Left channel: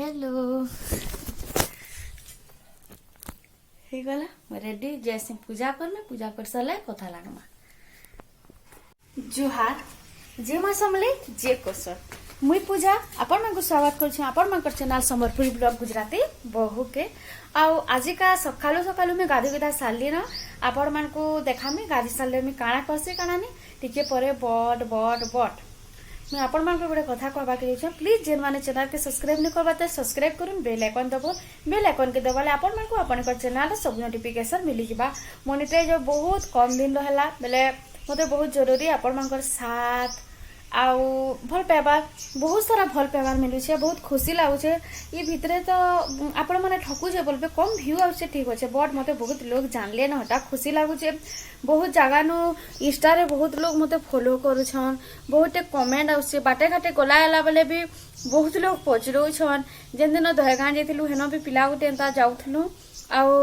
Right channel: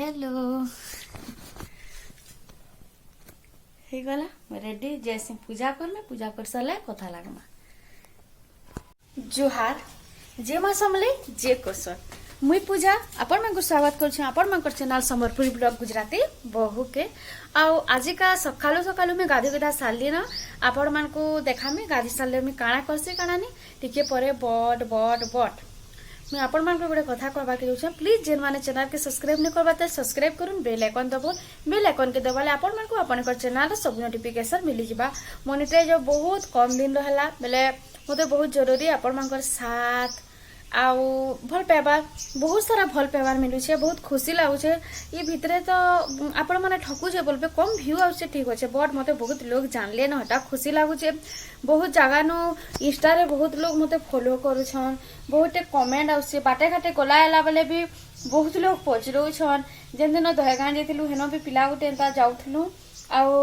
Hello हे गला ready जैसे पूजा कर सारे कथा लगमा जुहार जे माँ समले जे कोसर मुई पूजा आपण मन को स्वागत करछे आपण मन कर चैनल संबलपुरी ब्लॉग गुजराती बहु के आउ आजिका सकालू सकालू में गाधी गुधा सारली न आपण मन को देखा में गाधी सारले में काना करसे काना नहीं टिके परे बड बड बड मैं आपण मन को गोटे कथा कहबा के छै प्लीज जेन माने चैनल के सब्सक्राइब नहीं करबा त सब्सक्राइब करूँ बेल आइकन दबो बेल आइकन के दबाले आपण मन को अपन चैनल सब नोटिफिकेशन मिली जिबा मोनेटाइज बहुत कम दिन रहला बेले मते बहुत जरूरी आपण मन साथ आउ भल पाइबा बहुत सारा भल पाइबार मिलुछे बहुत खुशी लागुछे ये भितरे तो आपण माने ठकुछे बोलबे कम व्यू आउछे ठीक होछे बट मते बहुत लोग जानले न हटा खुशी लागुछे बहुत जगह नु इंस्टा रे बहुत लोग मते फॉलो करूछन बहुत कमेंट आउछे बाटे घाटे गला आला बेले भी बहुत लोग पचरौछन जेन दिन दहगां जेथिलु हेनो भी पिला गुटे एंता जाउथलु आउ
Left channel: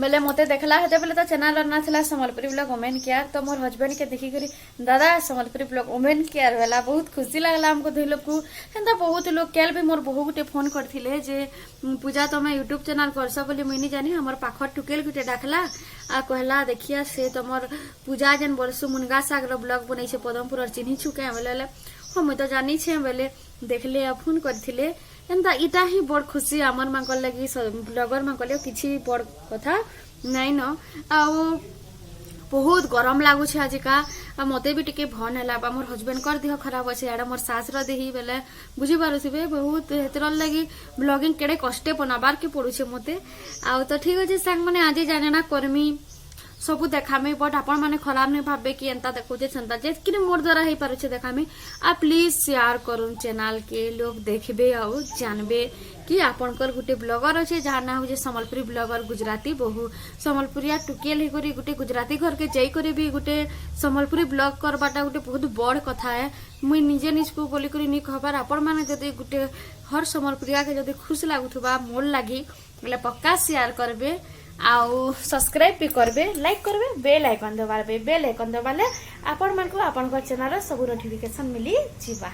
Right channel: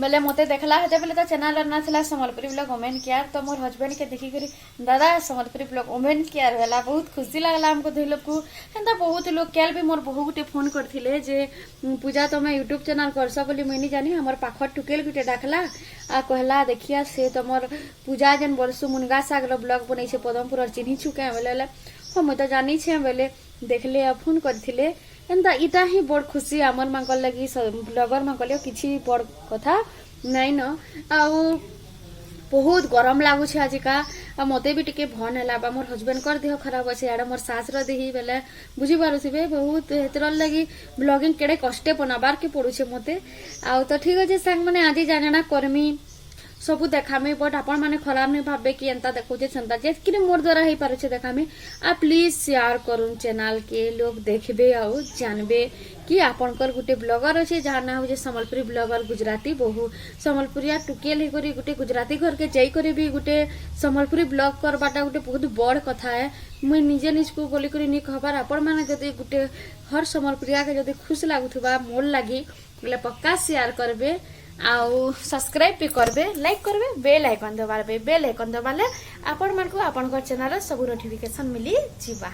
बेले मते देखला हेते बेले तो चैनल ना थिला संबलपुरी ब्लॉग वुमेन केयर तो मोर हस्बैंड के देखि करी दादा संबलपुरी ब्लॉग वुमेन केयर वाला बहुत खुशी लागला हमको दुई लोग को हेंता बहुत लोग केल भी मोर बहु गुटे फोन करथिले जे पूजा तो मैं यूट्यूब चैनल करस बोली मुई नहीं जानी हमर पाखर टुकेल गुटे डाकला आ कहला देखिया से तमर पूजा जन बरसु मुनगा साग रो ब्लॉग बनै छे पदमपुर और चिन्ही छुके बेले हम तो जानी छे बेले देखले फोन करथिले एंता इटा ही बड़ खुशी आमर मांकल लगी ब्लॉगर मांकल किछि बड़ कथा नहीं न आ बहुत गरम लागुछे आजिका आ मते भी टिके भन हैला बा मोर हस्बैंड कर देह खराब अछि एडा मोर सास रो देही बेले बुझी पारुथिबे बहुत हेतर लगी ब्लॉगिंग केडे कष्टे बनाबार के पड़ुछे मते आ तो ठीक अछि संग माने आज जाने ना कर्मी सबू देखामे बट आपण माने खराब नहीं भाबे कि एंता देखुचे छंता जे कि मोर द्वारा हे पारुछे देखामे आ प्लीज शेयर करूँ चैनल के लोग देखबे आ जानबे कि आपनकर गुटे ब्लॉगर अच्छे जहाँ ना हो संबलपुरी ब्लॉगर गुजराती बहु संबलपुरिया टुकेल ही करी गुटे गुजराती घर के जाई करी भी गुटे संबलपुरी ब्लॉग करबाटा गुटे बहुत बड़ कथा है मुई निजे निजको बोली करी नहीं कहबार आपण माने जदि गुटे हर संबलपुरिया के जदि खुश लागुथबा मोर लागी बोले पक्का शेयर करबे आउ सब्सक्राइब भी करबे लाइक करबे बेल आइकन दबाबे बेल आइकन दबाले आपण मन को आपन चैनल सब नोटिफिकेशन मिली जिबा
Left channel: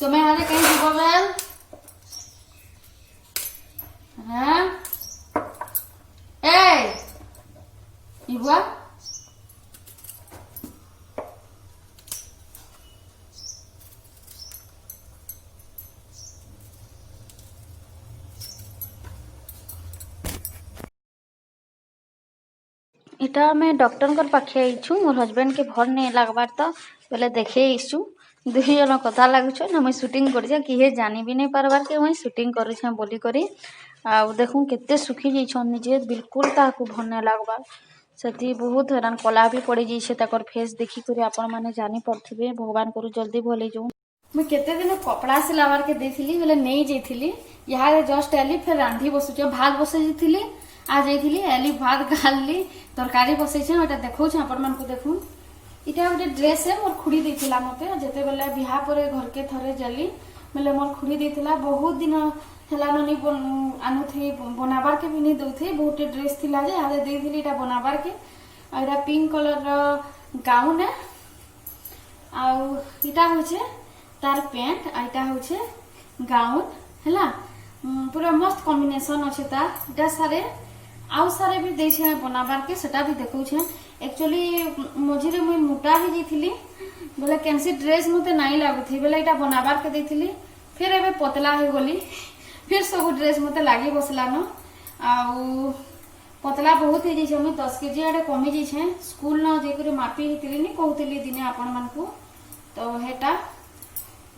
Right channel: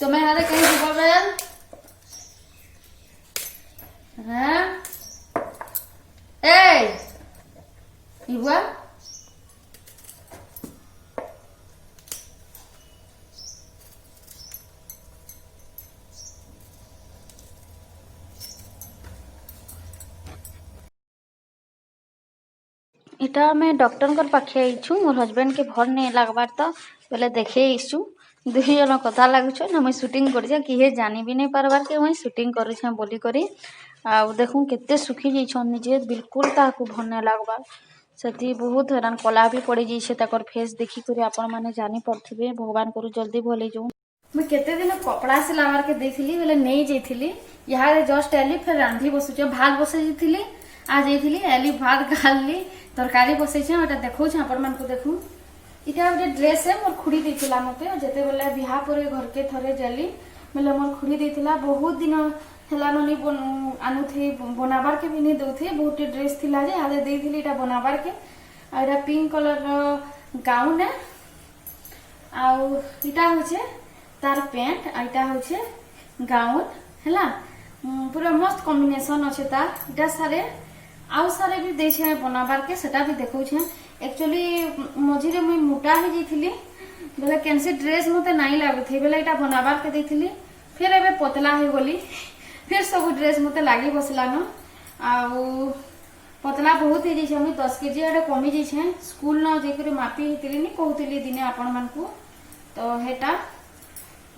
तुम्हें हारे कहीं जीवो बेल हाँ ए इबुआ इटा मैं डॉक्टर कर पाखे आईछु मोर हस्बैंड के भर नहीं लगबार तो बोले देखे आईछु दुई जन कथा लगुछ ना मुई शूटिंग कर किए जानी भी नहीं पारबार के मुई शूटिंग कर बोली करी आ देखूँ केते सुखी जाइछन निजे बिल्कुल ताकू भर नहीं लगबार से बहुत हैरान कला भी पड़ जाइए ताकर फेस देखी कर आपण माने जानी पड़थिबे भगवान करू जल्दी भल हो जाऊँ मुई केते दिन कपड़ा सिलाबार के देथिली बोले नहीं जाइथिली यहाँ जस्ट आली फिर रांधी बसुचे भात बसै जाइथिली आ जाइथिली आली भात गाली तरकारी बसैछे ओटा देखौ छ आपण मन को देखू इटा गोटे ड्रेस है मोर खुड़ी देथिला मते जेते बेले बिहा परे घर के थरे जली बेले मोर खुड़ी देथिला बहुत दिन हेला ननी आनु थी बनाबार के भी नहीं दउथे बहुत ड्रेस थिला जे आदे देथिली इटा बनाबार के आ इटा पिंक कलर रो गाउन है आ इटा होछे तार पैंट आ इटा होछे गाउन हैला पूरा मस्त कॉम्बिनेशन अच्छे ता इटा सारे आउ सारे भी देछे बनाबार के सेटा भी देखौ छे एक्चुअली मझिरे मुई मोटा ही जाइथिली बोले कैंसी ड्रेस मते नहीं लागुथी बोले इटा बनाबार के देथिली फिर एबे पतला हो गली फिर सब ड्रेस मते लागी बसला न आउ पतला बहुत हो जाइछे मुई 10 केजी आडे कमी जाइछे स्कूल न जे करे मापी हितली नि कहउतली दिने आपण मन को तो हेटा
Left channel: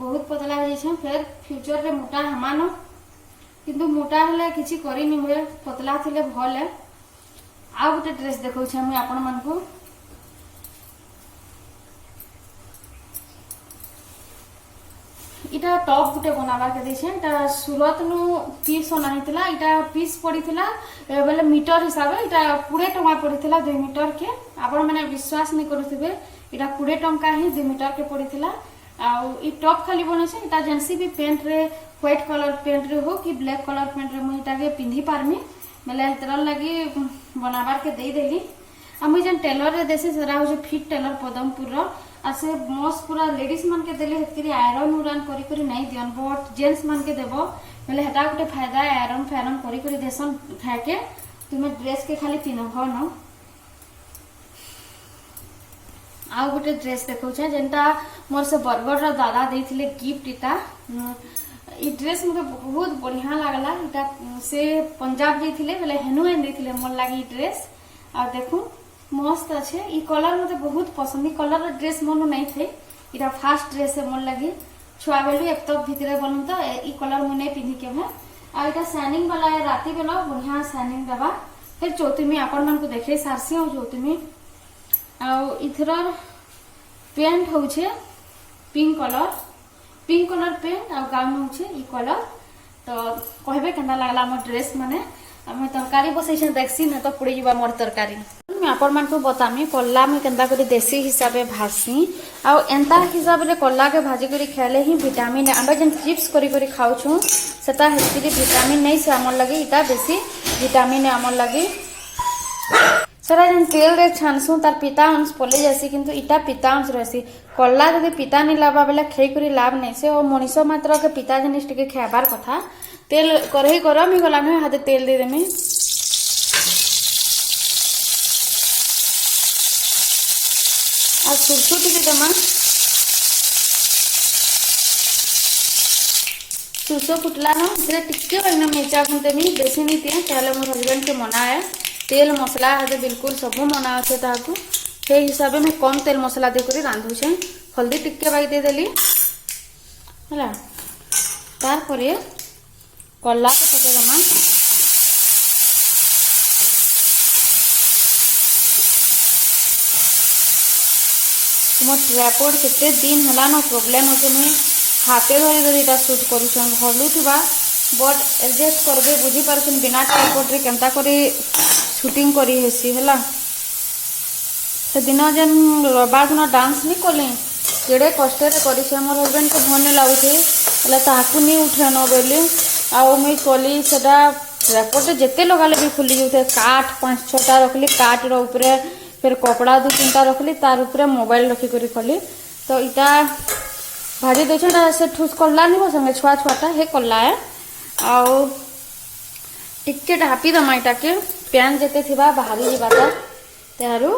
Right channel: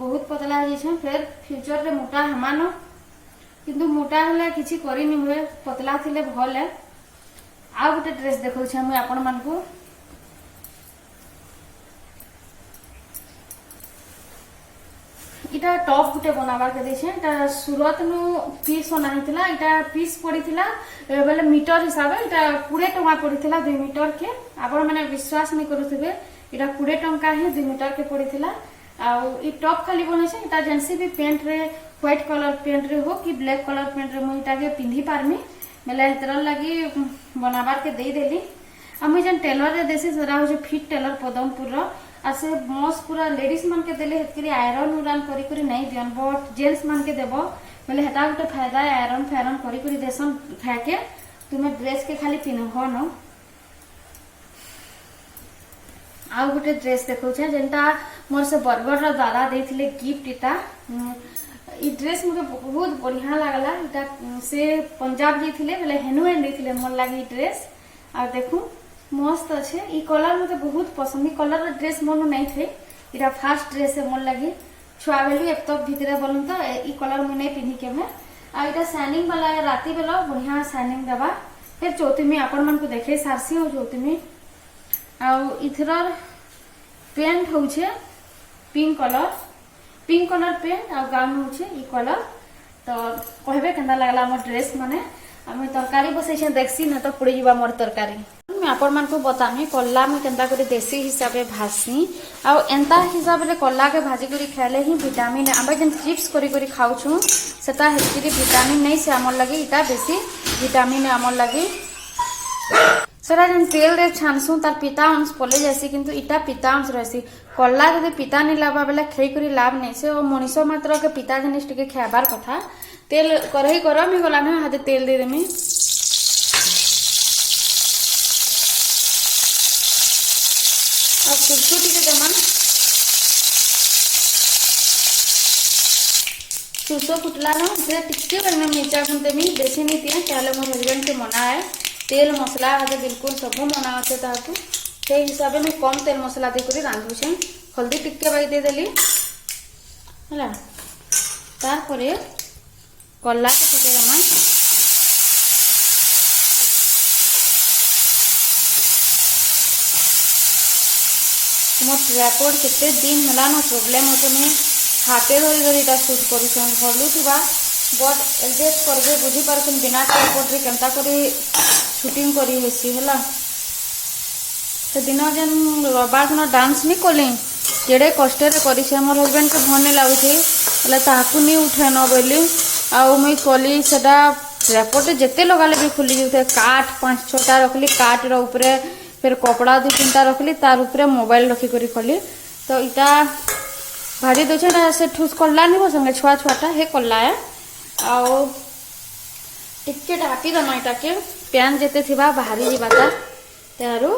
बहुत पतला हो जाइछे फिर फ्यूचर रे मोटा हमान किंतु मोटा हेले किछि करि नि हुए पतला थिले भल है। आ गोटे ड्रेस देखौ छै हम आपण मन को इटा टॉप गुटे बनावा के देछे इटा सूरत नु पीस अनाइतला इटा पीस पड़ीथिला बेले मीटर हिसाब इटा 20 टका पड़ीथिला 2 मीटर के आपण माने विश्वास नहीं करूथिबे इटा 20 टका ही 2 मीटर के पड़ीथिला। आ ई टॉप खाली बनेछे इटा जेंसी भी पेंट रे व्हाइट कलर पेंट रे हो कि ब्लैक कलर पेंट रे मुई इटा के पिंधी पारमी बेले हेतर लागि बनाबार के देई देली। आ मुई जन टेलर रे देसे सेरा हो फिट टेलर पदमपुर रो आ से मस्त पूरा लेडीज मन के देले हेतरी आयरन उरन करी करी नहीं दियन बट जेंट्स मन के देबो बेले हेटा गुटे फायदा आयरन फैरन करी करी देसन खाए के तुमे ड्रेस के खाली पिनहो न। आ गुटे ड्रेस देखौ छै जेंटा मोर से बरगड़ रा दादा देथिले गिफ्ट इटा ई ड्रेस मुके बहुत बढ़िया लागला इटा से पंजाब जेथिले बेले हेनु एन देथिले मोर लागि ड्रेस। आ देखू मस्त अच्छे ई कलर मते बहुत पसंद ई कलर ड्रेस मन नहीं थे इटा फास्ट ड्रेस है मोर लगी छुआ बेलू एक तो भितरे बनू तो ई कलर मुने पिंधी के है। आ इटा शाइनिंग वाला है राती बेला बढ़िया शाइनिंग दबा फिर चौथीमी आपण मन को देखे सारसी हो चौथीमी। आ इथर पेंट होछे पिंक कलर पेंट आ गाउन होछे ई कलर तो कहबे केना लागला हमर ड्रेस माने हम तरकारी बसैछे देखसी न तो पुड़ी जीवा मोर तरकारी मैं आपण मान को बतामी कल्ला में केंदा करी देसी हिसाब से भासी आ एंता हिसाब रे कल्ला के भाजी करी खाले ही विटामिन आबे जन चिप्स करी करी खाउ छु सेता हेतरी विटामिन नहीं से हमर लगे इटा बेसी विटामिन है हमर लगे सरा जन तेल रे छानसु तार पिता अंश पले जासी किंतु इटा पिता अंश रहसी कल्ला जदि पिता नहीं लाबा बेला खै करी लाभ नहीं से ओ मनीषो मात्र के पिता जनिस टिके खाबार कथा तेल करही गरम ही गला न हाथे तेल दे देमी आ सुरसु टिके दमा सुरसु फुटला न इतरे टिके बगना मिर्चा गुंतेमी बेसी नहीं दिए ताले मोर हस्बैंड के मना है तेल मसला हाथे बिल्कुल सब मना अच्छे ताकू से हिसाब में कम तेल मसला दे करी रांधु छे हल्दी टिके बाई दे देली हला तार परे कल्ला के पके दमा तुम ट्राइपॉड केते दिन हला न प्रॉब्लम होते मुई हाथे धरी धरी इटा शूट करूछन हलू थिबा बट एडजस्ट करबे बुझी पारछन बिना ट्राइपॉड रे केनता करी शूटिंग करी हेसी हला से दिन जन रविवार दिन डांस नहीं कले केड़े कष्ट रे करी से मोर हस्बैंड को भन लाउथे हला ताकू नहीं उठे न बेली आउ मुई कली सेटा ट्राइपॉड जेते लगाले भी खुली जाउथे काठ 5-6टा रखली काठ रो ऊपरे फिर कपड़ा 2-3टा रखली तार ऊपरे मोबाइल रखी करी खली तो इटा भाजी देछटा से ठुस कल्ला नहीं हो संगे छुआ छुआटा हे कल्ला है आउ टिके ढापी दमा इटा के प्यान जेते थिबा बाहरी जीवाता तारू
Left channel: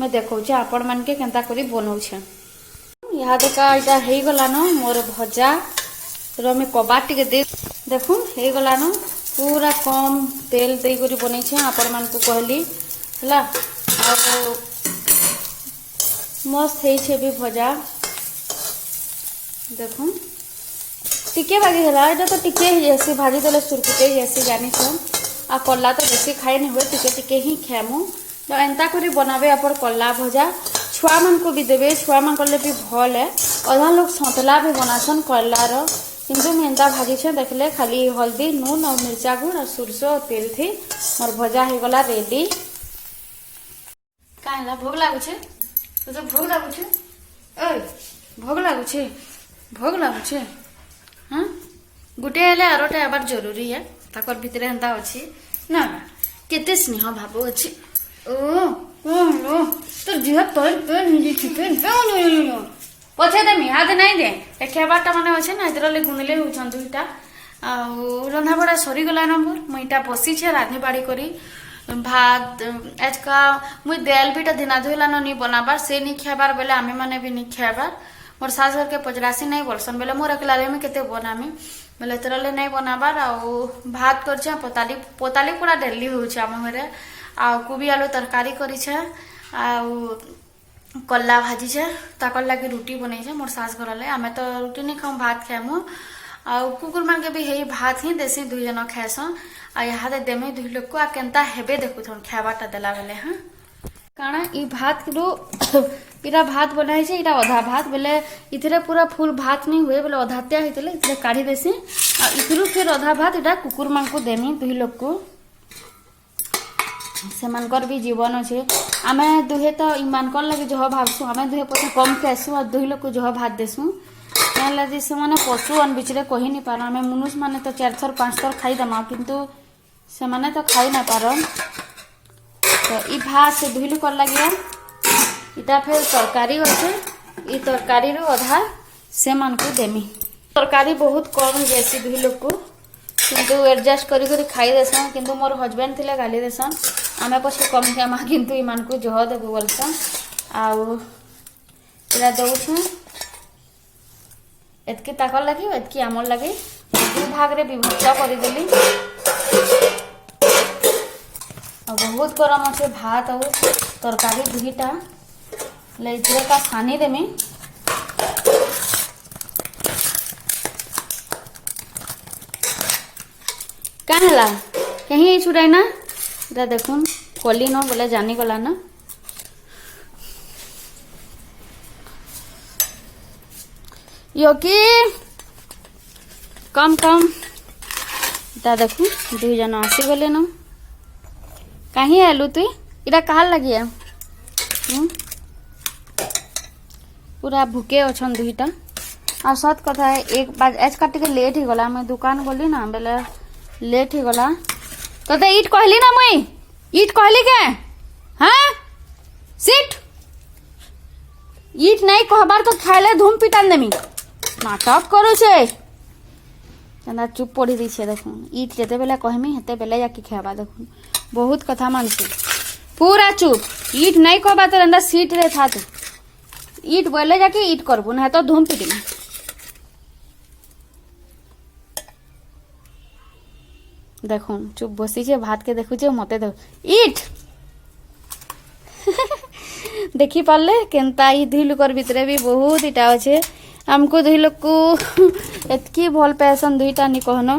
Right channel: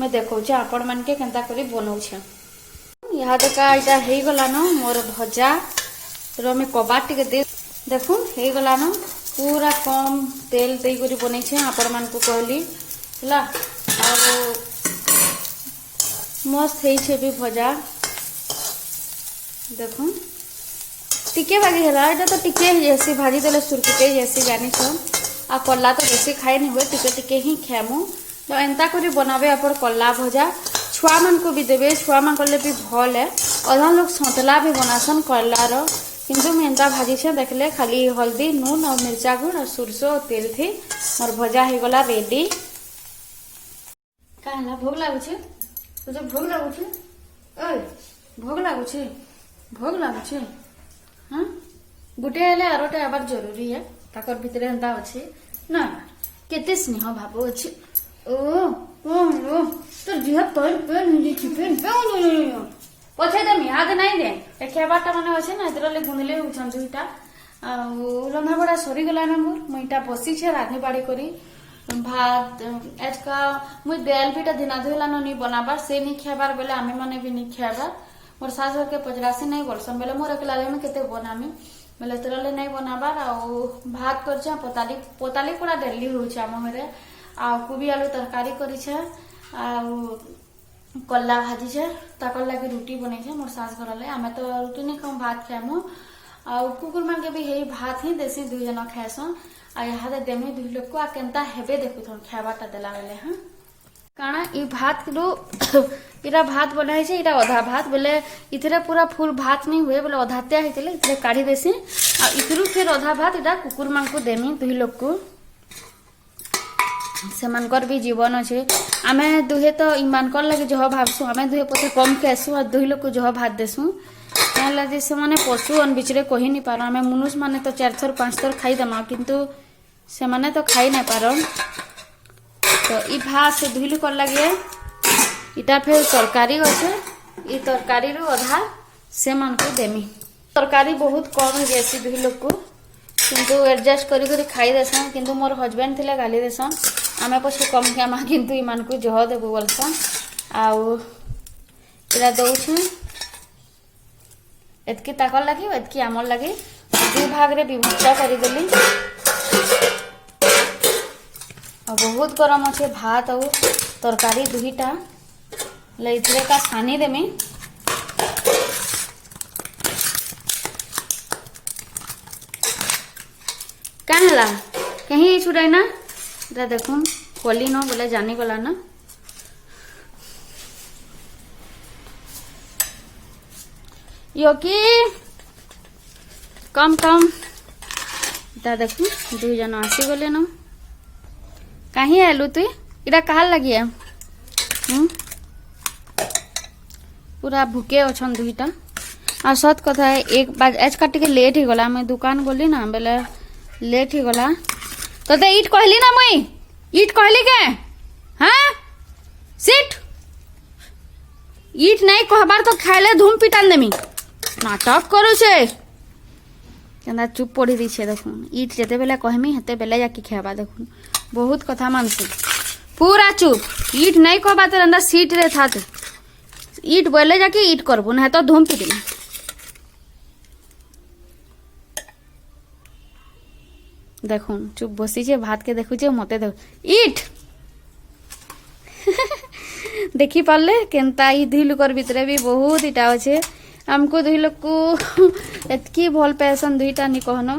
मैं देखौ छ आपण मन के केनता करी बनौ छ यहाँ देखा इटा हे गला न मोर भजा रो में कबाट टिके दे देखू हे गला न पूरा कम तेल दे करी बनै छ आपण मन को कहली हला आ मस्त हे छे भी भजा देखू टिके बागी हला एटा तो टिके ही जैसे भाजी देले सुरकुटे जैसे जानी छ आ कल्ला तो बेसी खाए नहीं हुए टिके टिके ही खामु तो एंता करी बनाबे अपन कल्ला भजा छुआ मन को भी देबे छुआ मन करले भी भल है अधा लोग सतला भी बनासन कल्ला रो किंतु मैं एंता भाजी छे देखले खाली हल्दी नून और मिर्चा गुड़ और सुरसो और तेल थी मोर भजा हे गला रेडी काहेला भोग लागु छे तो भोग लागु छे ओय भोग लागु छे हां गुटे हेले आरोटा आबार जरूरी है ताकर भितरे हंता अछि ना केते स्नेह भाव अछि ओ लो तो जिह तोर तो निजे छिपे नो पछे देमी हाथ नहीं दे एखेबाटा माने अछि ना इधरले गुनले होछन दुईटा आ रंधा बड़ा सरी गला नंबर मुईटा बसी छे राधे बाड़ी करी भात आज का मुई दाल बीटा दिना धोइला नहीं बनाबार से नहीं खाबार बेले आमे माने भी नहीं खाबार मोर सास घर के पजरासी नहीं बोलसन बेले मोर अकेला में केते बनामी बेले तरले नहीं बनाबार आ भात कर छ पोताली पूरा डेली हो छ हम घरे आ कोबी आलू तरकारी करी छ आ कल्ला भाजी छे ताकर लगे रुटी बनै छे मोर सास घर ले आमे तो रुटी नहीं खाऊं भात खाएमु आ कुकुर मान के भी हे भात ही देसी दुई जन खाएसन आ यहाँ दे देमे दुई लोग को आ केनता हेबे देखु थन खाबाटा देला बेले हां काना ई भात रो इरा भात बनाई छे इरा आधा भात बेले इथरे पूरा फुल भात नहीं हुए बेले आधात्या हितले इथरे काढ़ी देसी आ इथरु फिर आधा भात इरा कुकुर मान को देमी दुई लोग को सेमानकर भी जीवन अच्छे आमे दुहे तो इमानकर लगे जह भावसु आमे दुहे पछे कम खाएसु और दुही लोग को जह भात देसु क्या लगे से माने पशु अन बिचरे कहि नहीं पार आमे मनुष्य माने तो 4 थर 5 थर खाई दमा किंतु से माने तो खाई ना पार तो ई भात से दुही लोग कर लगिया इटा फिर तरकारी अच्छे ई तरकारी रो आधा से मान को देमी तरकारी बहुत कम जैसी दुही लोग को किंतु एडजस्ट करी करी खाई देसन किंतु मोर हस्बैंड थिले गाली देसन आमे पछे कम खामा किंतु इमान को जह देबो बोलसन आउ इरा दउछु एतकी ताकल लगी एतकी आमल लगी दु भाग रे विभक्त करी देली और बहुत गरम আছে भात और तरकारी दुहीटा लेइथरे का छानी देमी कहला कहीं छुड़ाई ना इधर देखुन कली न बोले जानी गला ना योकी कम कम इधर देखु दुई जन आसी गले न कहीं आलू तु इरा कहा लगिया पूरा भूके अछन दुईटा आ सत कथा है एक बार आज काट के लेट ही गला मैं दुकान गली ना बेले लेट ही गला तो ईट कहली ना मुई ईट कहली के हाँ सीट ईट नहीं कहबार तो खाइले धूम पिटान देमी नाटक करू छे चंदा चुप पड़ी दी छे देखुन ईट जेते बेले कहमी हेते बेले जाके खाबा देखुन बहुत कथा मानसी पूरा चुप ईट नहीं कहबा तो अंदर सीट रे था तू ईट बोले जाके ईट करबो ना तो धूम पिटिमी देखुन चुप बसी छे भात के देखु छे मते दे ईट देखी पाले केनता ई दुई लोकर भितरे भी बहुत इटा अच्छे हमको दुई लोग को एतकी भल पैसन दुईटा नि कहनो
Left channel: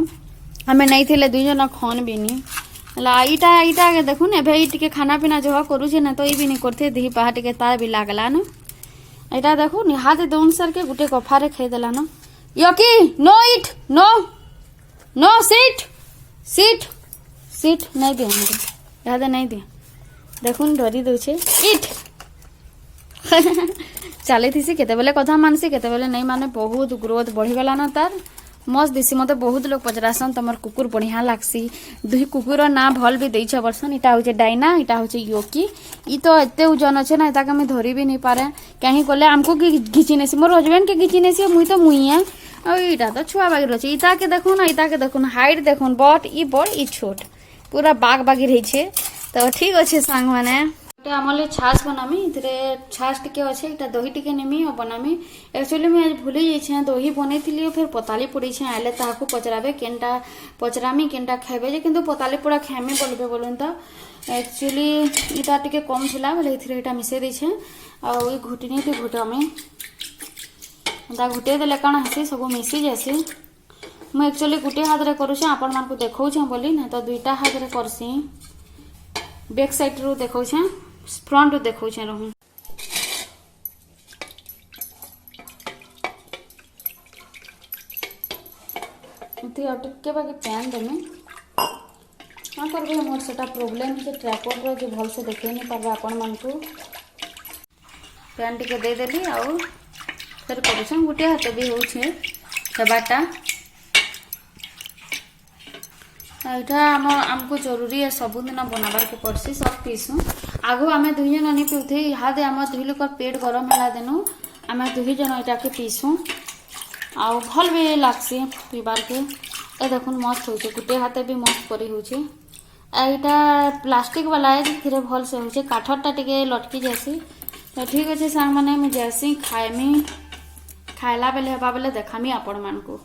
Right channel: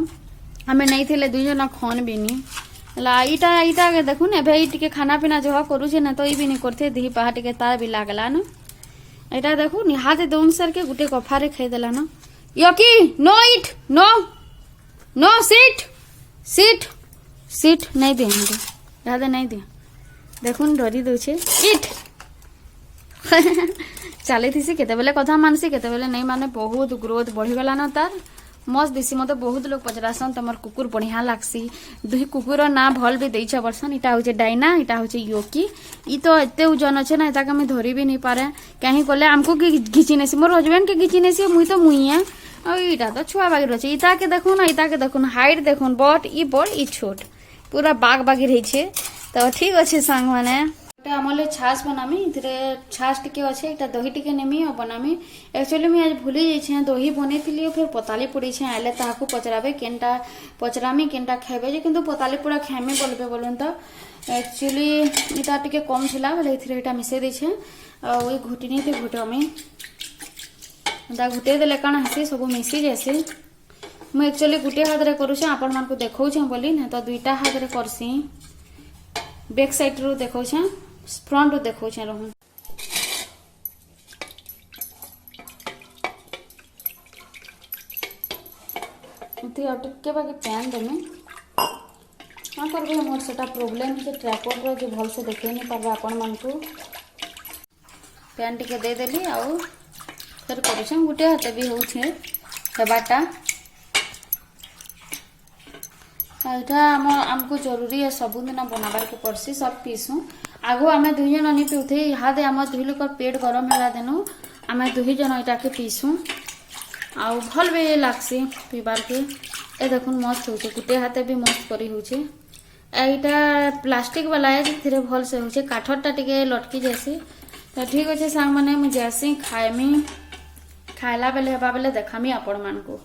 हमें नहीं थिले दुई जन खन भी नहीं ला इटा इटा के देखुन एबे ई टिके खाना पीना जह करू छे ना तो ई भी नहीं करथे दी पहा टिके तार भी लागला न इटा देखुन हाथ दोन सर के गुटे कफारे खाई देला न योकी no eat no no seat seat seat नहीं दे हमके याद नहीं दे देखुन डरी दउछे ईट चली थी केते बेले कथा मानसी केते बेले नहीं माने बहुत ग्रोथ बढ़ी गला ना तार मस्त दिसी मते बहुत लोग पचरासन तमर कुकुर बढ़िया लागसी दुही कुकुर ना भल भी देइछ वर्षन इटा होचे डाइना इटा होचे योकी ई तो एते ओजन अछि ना इता के धरी भी नहीं पारे कहीं कोले हमको घिची नेसी मोर हस्बैंड के घिची नेसी मुई तो मुई है और इटा तो छुआ बागी रही इता के देखुन इता के देखुन हाइट देखुन बट ई बड़ ई छोट पूरा बाग बागी रही छे तो ठीक अच्छे सांग माने आमले छाछ बनामी इधरे छाछ टिके अच्छे इटा दही टिके नेमी और बनामी एक्चुअली मैं आज भूली जाइछे दही बनै थिली फिर पताली पड़ी छे आले ताहाको पचराबे केनटा पचरामी केनटा खाबे जे किंतु पताली पूरा खामी बोलबे बोलन त एक्चुअली इटा टिके कम थिला बोले इथरे इटा मिसे दै छे आ ओई घुटनी के घुटामी दा घुटे देले काना हसी सब मिसी जैसे मैं एक्चुअली गुटे हाथ रे करू छे आपन मान को देखौ छे बोली ना तो दुईटा हाथ रे करसी बैक साइड रो देखौ छे फ्रंट रो देखौ छे रहू इथे अटके बाकी पैन देमे हां करबे मोर सेटा प्रॉब्लम है ट्राइपॉड रो जे भल से देखे नहीं पाबा आपन मान को पैन टिके दे देली आ फिर करू छे गुटे हाथ भी हो छे सेबाटा एटा हमको जरूरी है सबुदिन बनाबार के पड़सी सब पीसू आगो आमे दुई जन नहीं पीउथे इहादे आम दुई लोक पेट गरम है देनु आमे दुई जन इटा के पीसू आउ भल भी लागसी पीबार के ए देखुन मस्त होचे गुटे हाथे भी मस्त करी होचे एटा प्लास्टिक वाला है धीरे भल से होचे काठरटा टिके लटकी जासी तो ठीक अच्छे सांग माने मैं जैसी खाएमी खाइला बेले हेबा बेले देखामी आपण मान को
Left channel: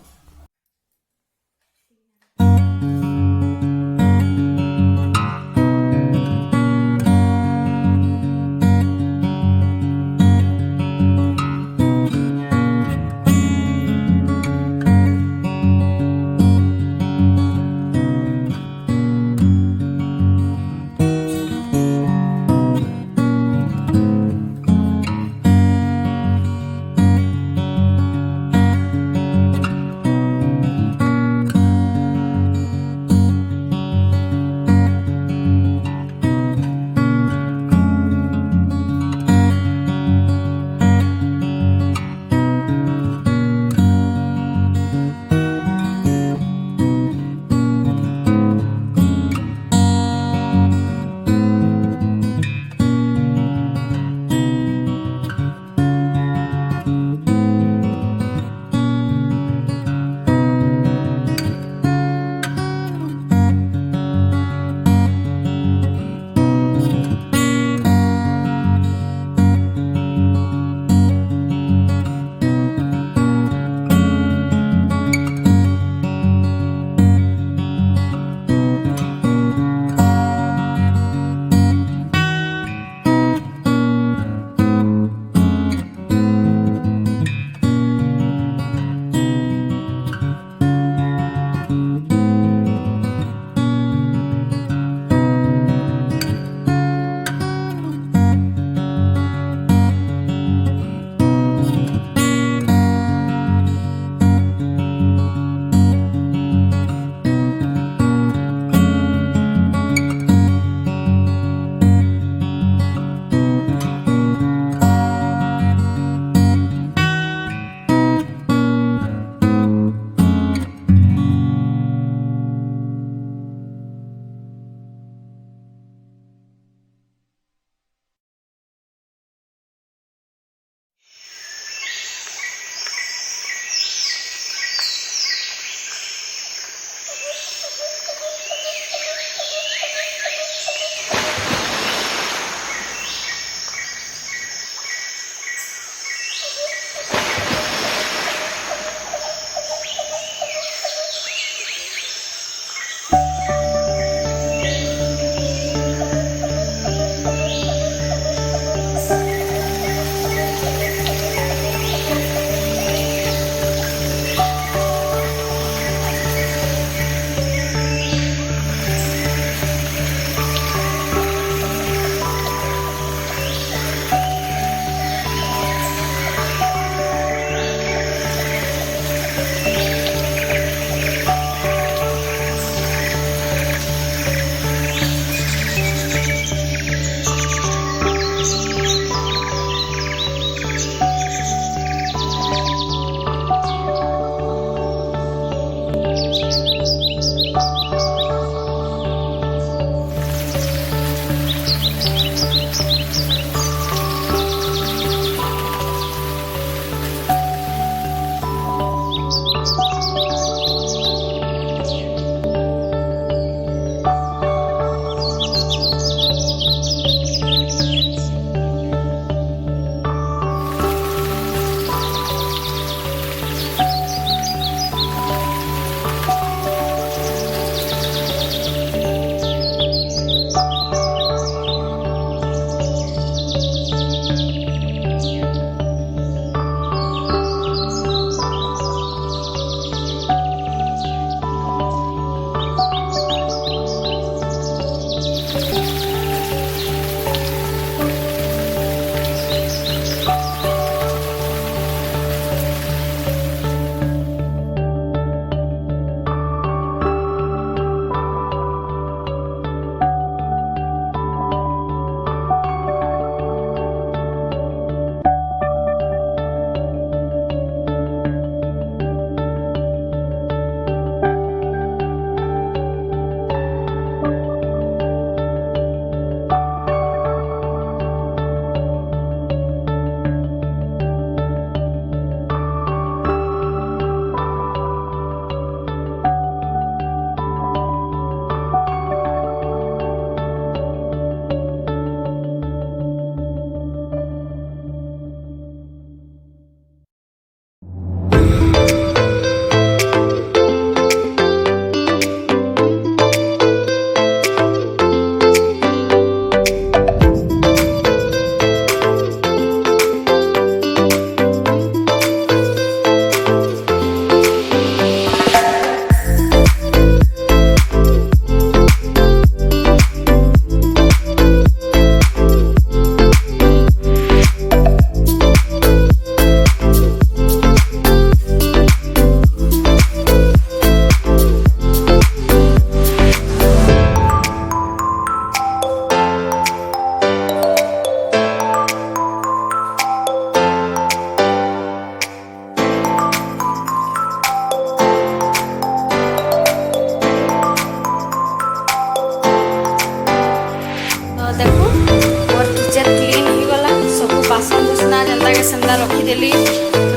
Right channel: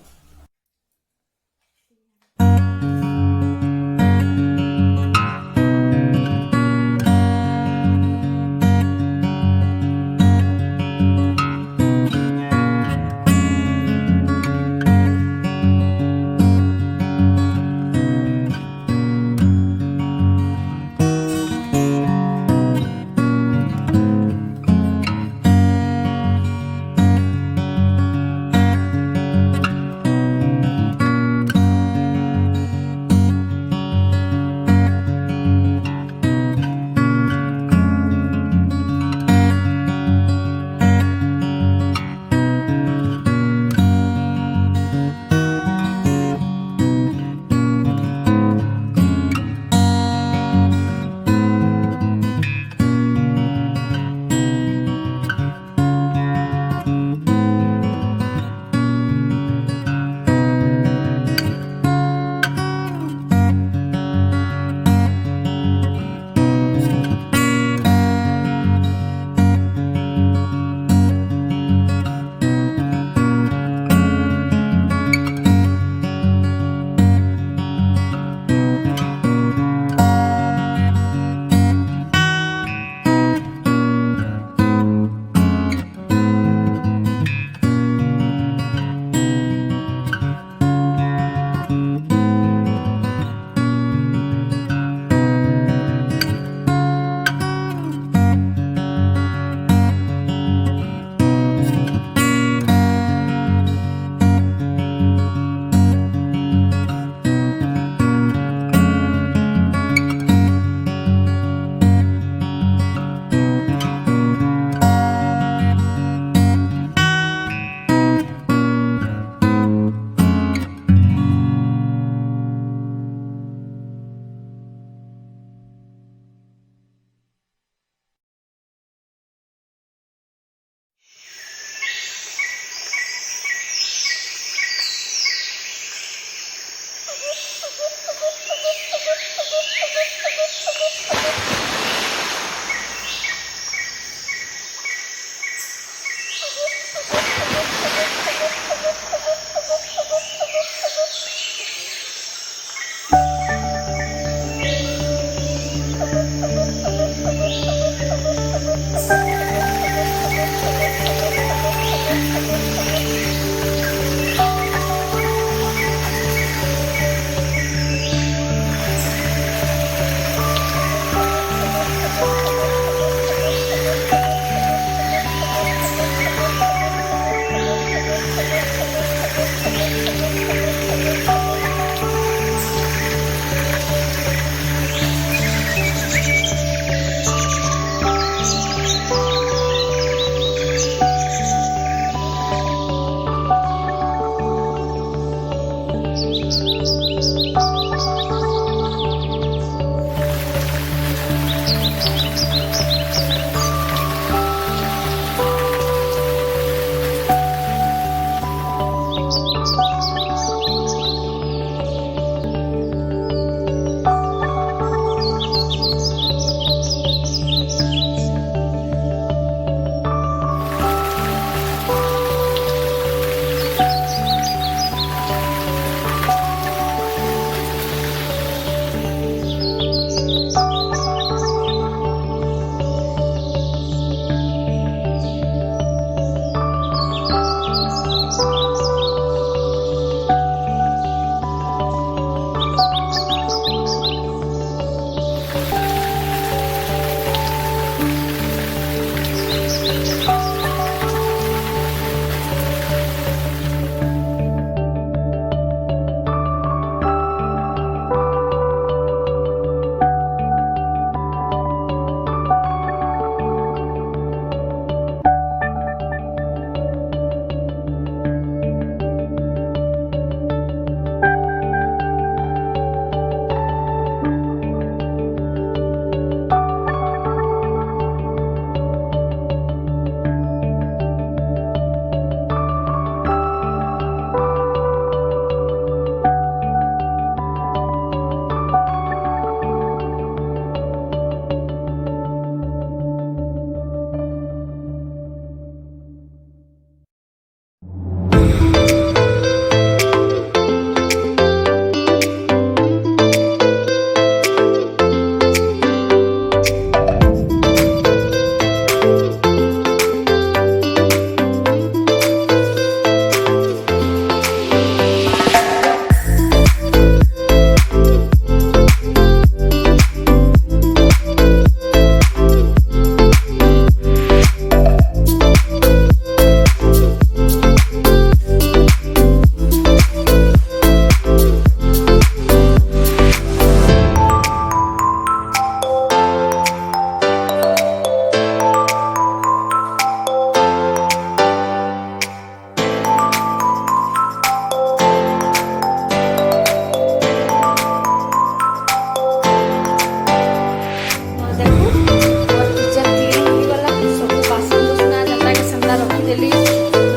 वाला रखीदेली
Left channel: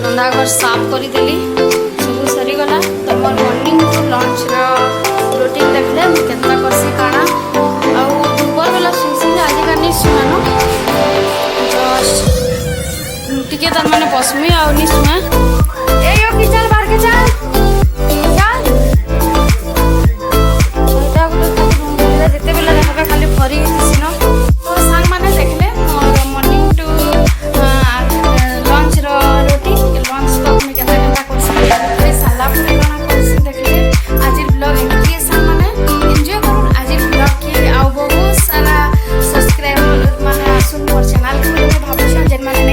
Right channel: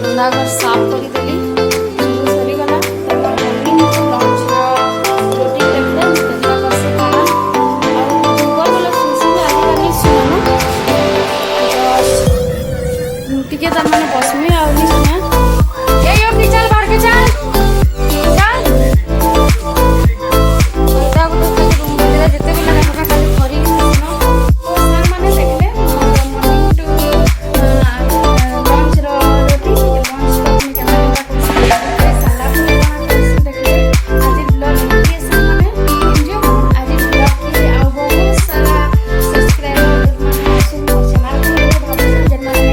रंधा घर साफ करदेली सब सरीगला तो मोर मॉर्निंग लंच रूटीन देखले केतना करसी काଣା आउ दुपर बेला सुनसी आज का नहीं सुनानो जस्ट टिके तार माने बसमी आउ नहीं सुना ए यो की चल बाहर के चल चल ओटा गुलो जेते बेला देखबे खाली फरी दिसिनो तो सांग माने देखले मोर मॉर्निंग टू लंच रो रूटीन लंच तक में केतना केतना करसी साला पूरी काଣା करसी देखले आज ब्लॉग एंट्री सांग माने एंजॉय करून आज ब्लॉग के आउ बहुत सारा सब्सक्राइबर माने आसुन मोर चैनल के भाबुछन जेन माने